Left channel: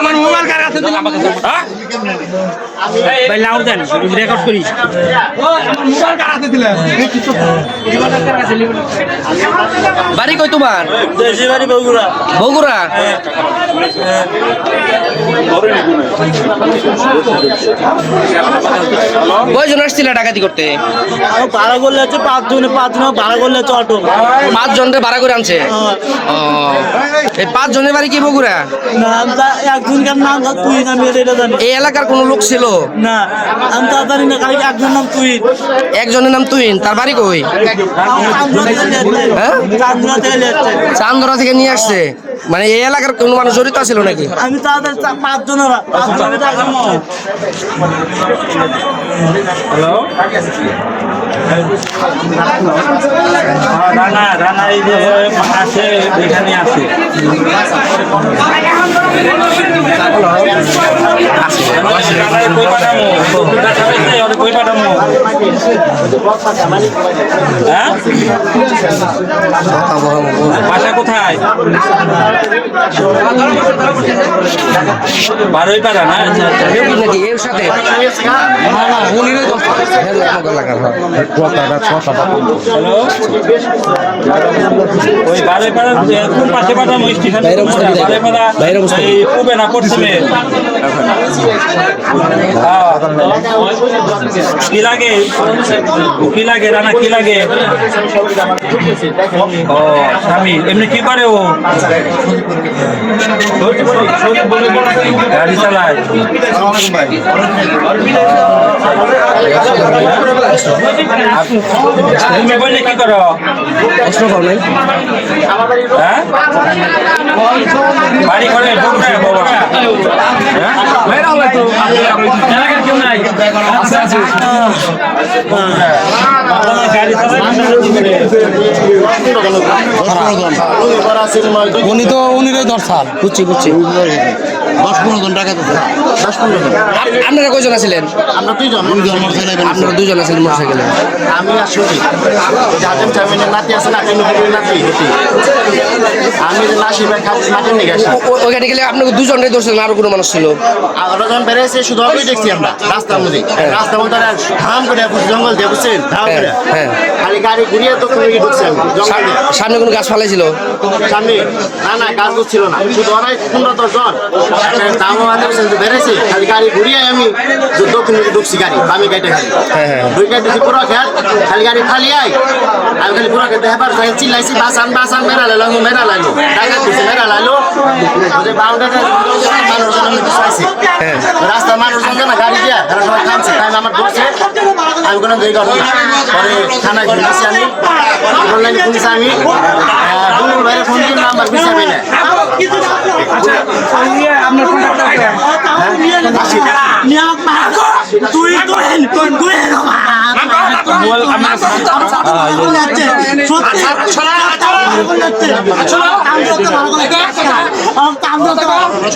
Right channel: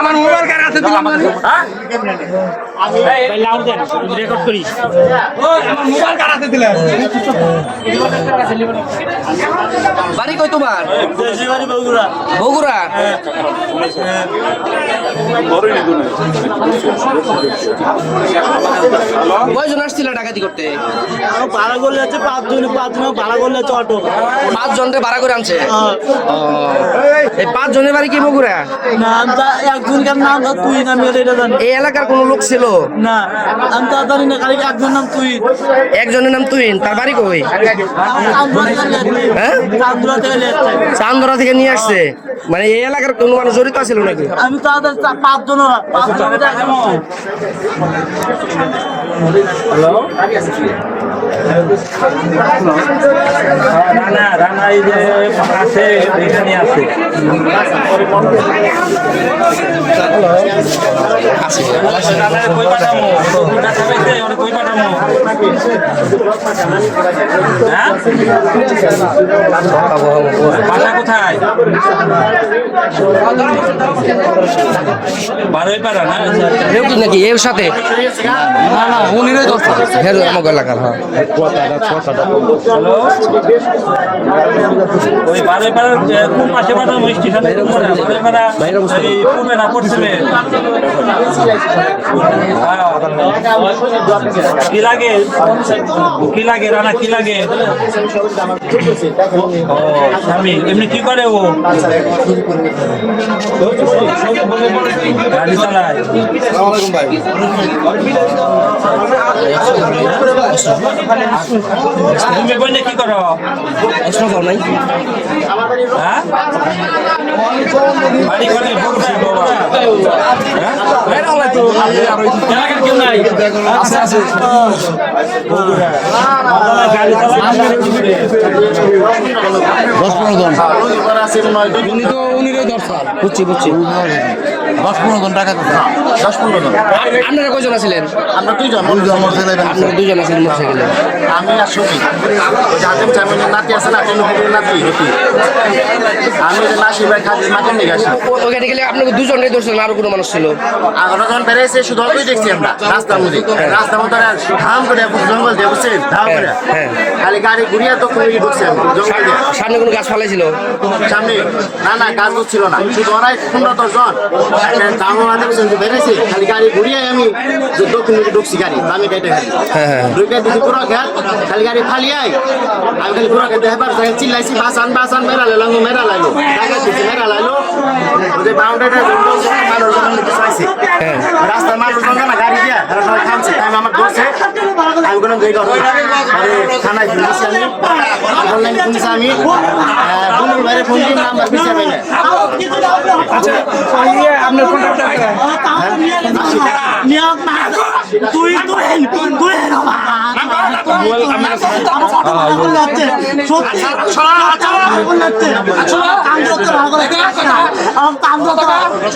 আমার মোবাইল কার কাছে দিলাম হ্যাঁ ভাই লাউড দেন রেকর্ড করি আমার মোবাইল কার কাছে দিলেন বাড়ি কই তোমার দেশি বাড়ি বগুড়া বগুড়া কয়জন আসছিল ডাকাতি করতে ভাড়া করলে হচ্ছে পাঁচজন ভাড়া করলে হচ্ছে অটো 5 জনের ভাড়া করে আনছে এই 5 জনের বাড়ি কি বগুড়া নাম একজনকার নাম তুই আমি এটা জানি এই এলাকার কোন লোক ছিল না আমি তা জানি না খালি একজন নাম তুই একজনের নাম তুইন তার বাড়ি কই হ্যাঁ চান্দরা থেকে নিয়ে আসছে মানে এই এলাকার কোন মানুষ জড়িত ছিল নাকি আমি তাদের 5 জন ওরা 5 জন হ্যালো রানা রানা এই যে আছে এখানে আছে বাসা কোথায় বারোই পাড়া না নাকি এর সাথে না না উনি এলাকার ওই বারোই পাড়ার কোন পাশে পাঠানো স্টেশন বারোই পাড়া এই পূবে না পশ্চিমে কি লাগে কি লাগে রানা কি লাগে ও স্বামী এমনি কি করে ও গাড়ি চালায় তুমি বললে কি করো প্রশ্ন পাও নাই হ্যাঁ বাড়ি ঘরে ঢুকবে বাবা হ্যাঁ গাড়ি বুঝছি বুঝছি 10-15 জন টাকা 10-15 জন আপনারা কয়জন আছিলেন আমরা দুইজন আপনারা দুজন আছিলেন মোটরসাইকেলে আমি আর সুজি জাতেম চামিনের নাতি আছে নাতি নুপুরের নাতি হতি আমি যে নাসির ভাই খাদি মাটির নিয়ে গেছি ওইখানে গেলে আপনাকে দুজনটাই ধরছিলেন আরো কোনো মানুষ ছিল আরো জন বেড়েছে শুধু ওকেই দেখছি আমরা রাস্তার মধ্যে রাস্তার মধ্যে ধাম করে জঙ্গল দিয়ে বুঝছেন ধাম করে খালি গাড়ি ঘুরিয়ে তো কোনো ঢুকছে আমি জঙ্গল দিয়ে সামনে কোনো গাছ ফালাইছিল সামনে না না গাছ ছিল না শুধু ওরাই 15-10 জন দামও বেড়েছে খালি গাড়ি ঘুরিয়ে আমি দক্ষিণ দিকে ঢুকছি গাড়ি বামে গাড়িটা খালি ঢুকে দিচ্ছি পুরো খেত খালি গাড়ি খালি আই আমি খালি পুরো খেতে হেবার চিল্লাইছি বাসান মেরা লাইলো টাকা দিচ্ছি মেরা লাইলো ওদের বাউন্ডারি মানুষজন আমি কিছু আইছি রাস্তার মানুষজন না গাড়ি দিয়ে এরা সবাই থামছে টাইম আমার ধরছে আমি কোনো জায়গা ঘটনা পরে থানায় ফোন দিচ্ছি আমি অনলাইনে ফোন দিচ্ছি আমি দুনুর বাইরে ফোন দিয়ে নাম্বার পিছিয়ে পেলে তুই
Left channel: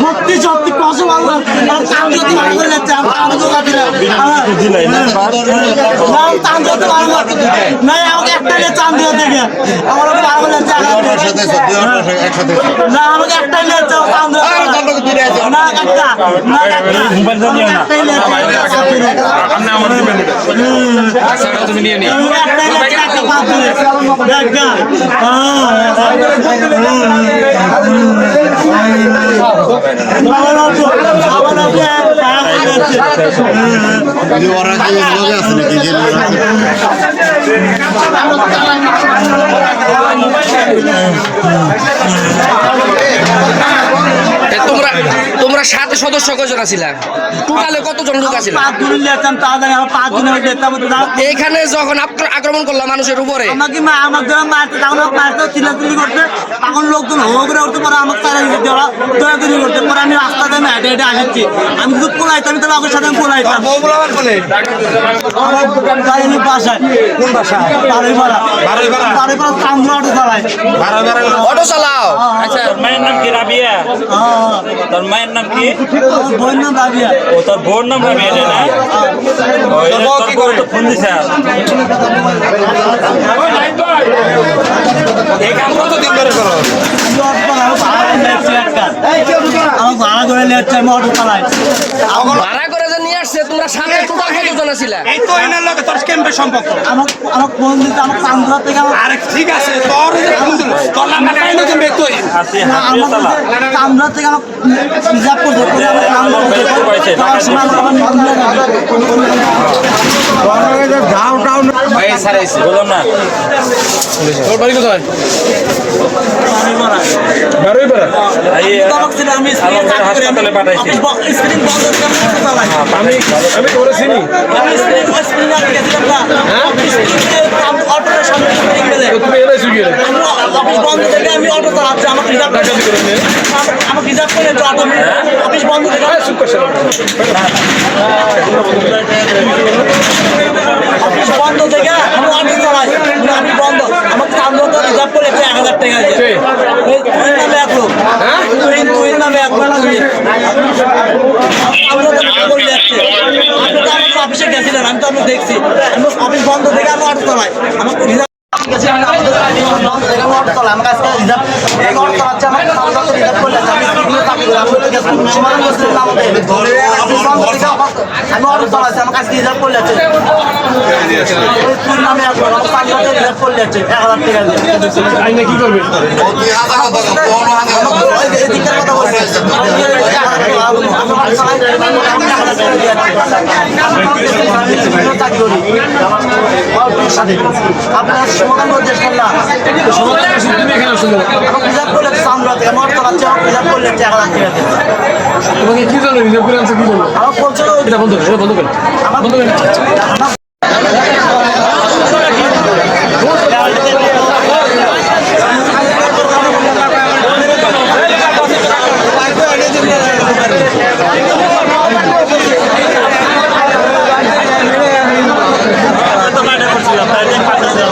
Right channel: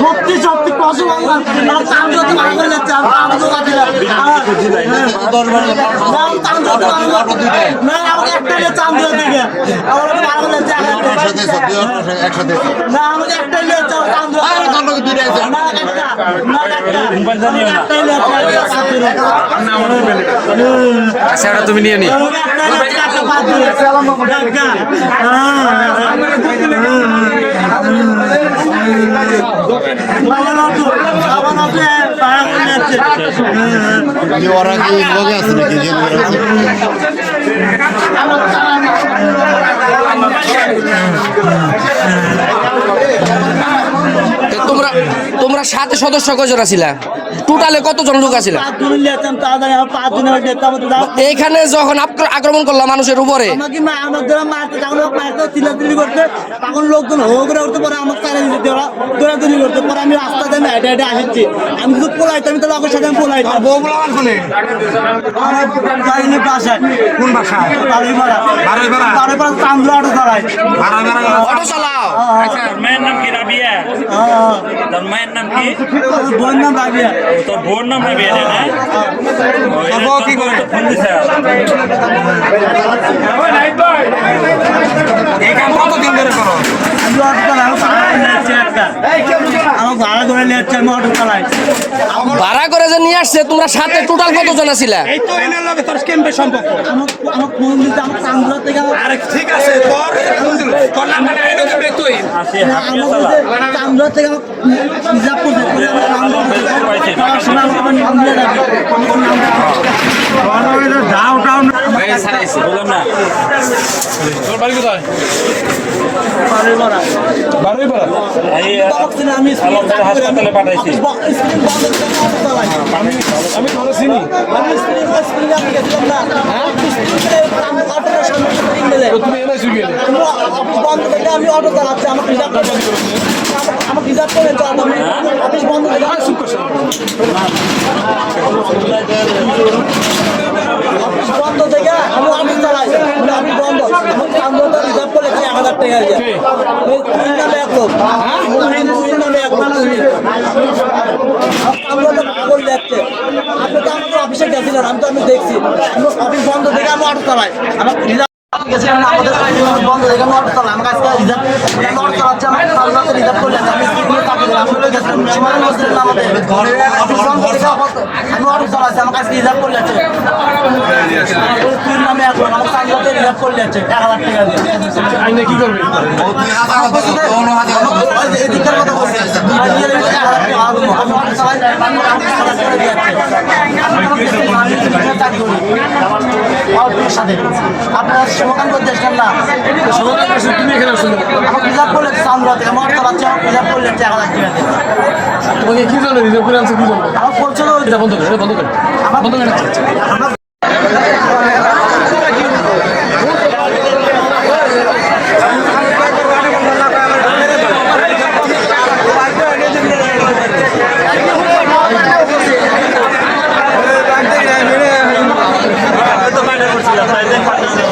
সত্যি সত্যি কসম না আমাকে একটা চান্দিয়া থেকে আমার না আমাকে একটা তুমি নিয়ে নি তোমরা 7 সদস্য কয়জন আছিলা টোটালে কতজন লোক আছিল এইখানে যখন আক্রমণ করলাম মানুষের উপরে তখন লোকজন হো করে উঠতে পরে আমাকে তারা দৌড়াদৌড়ি করতে পরে আমি রাস্তা দিয়ে হেঁটে হেঁটে আসছি আমি শুধু পোলাইতাম তাহলে ওদের সাথে আমি পোলাইতাম বাসায় কোন বাসায় বারোই চান্দু অটো চালায় অটো চালাও আচ্ছা মায়ের নাম কি রাবিয়া তোর মায়ের নাম কি বোন নাম রাবিয়া তোর বোন নাম রাবিয়া নাই কি করে ফোন দিছে আমার ভাড়া করে নিয়ে যাচ্ছে আমি অটো চালাই ভাড়া করে যে নিয়ে আসছে তোমরা সাথে টোটাল কতজন ছিল? এই তো এনার লগে তোর কেমবে সম্পর্ক? আমার আমার ফোন দিতে আমার চান্দুরা থেকে আরে ঠিক আছে তোর নাম্বারটা এনে দেবে তুই। চান্দুরা থেকে আমার রিজার্ভ করতে করে আমার নাম বলতে যাওয়ার সময় আমার নিয়ে যাবে বললাম না এই আমি হাসপাতালে পাঠাইছি। স্ক্রিন বন্ধ করে অটো চালাই আমি তোরে চিনি। স্ক্রিন আমি গেছিলাম না অটোর সামনে স্ক্রিন মেলে তুমি এলাইছো কি? অফিস বন্ধ থেকে আমি অটো চালাচ্ছি আমাকে রিজার্ভ আমাকে রিজার্ভ করে অটো আমি অফিস বন্ধ থেকে অফিস বন্ধ থেকে আমি অটো চালাই আমি বন্ধ আমাকে চান্দুরা রিজার্ভ করে 1000 টাকা দিয়ে তুই নামে এক লোক তুই নামে এক লোক তুই আমরা তো বলে যাচ্ছে আপনি তো আমাকে অফিসে গেছিলেন আমি তো আমি দেখছি আমি অফিস বন্ধ থেকে আমি অটো চালাই আমাকে রিজার্ভ গেছিলাম না আমাদের বন্ধ থেকে আমি অটো চালাই আমার কাছে রিজার্ভ অটো চালাচ্ছে আমাকে সামনে রিজার্ভ করে আমি স্কুলে চাকরি করি আমি তো গেছি সময় বসছিলাম আমাদের অফিস বন্ধ থেকে আমি অটো চালাচ্ছি আমার কাছে রিজার্ভ করে যাচ্ছে তুই নামে আসবো আমার সামনে রিজার্ভ করে যাচ্ছে 1000 টাকা দিয়ে আইনে কি করবে? এদিকের কথা বলছি আপনার সমাধান করতে এসছেন না তুমি এখানে আসছো কেন? আমাকে রিজার্ভ করলে সামনে থেকে মোট চালাচ্ছে আমাকে রিজার্ভ করলে 1000 টাকা দিয়ে তোমাকে কি জন্য রিজার্ভ করে আনছো কি জন্য? আমার বলছিল এটা বন্ধ করে বন্ধ করে আমার বন্ধ করে তো বাইরে করছিলাম তাই দেখ পাঠাইছিলাম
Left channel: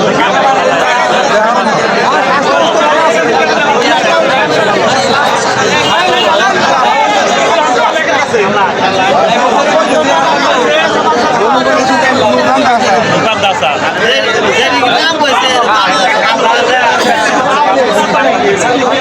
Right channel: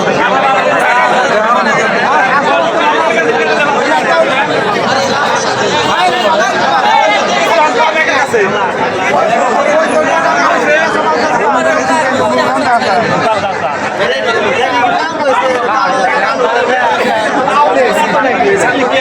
Thank you.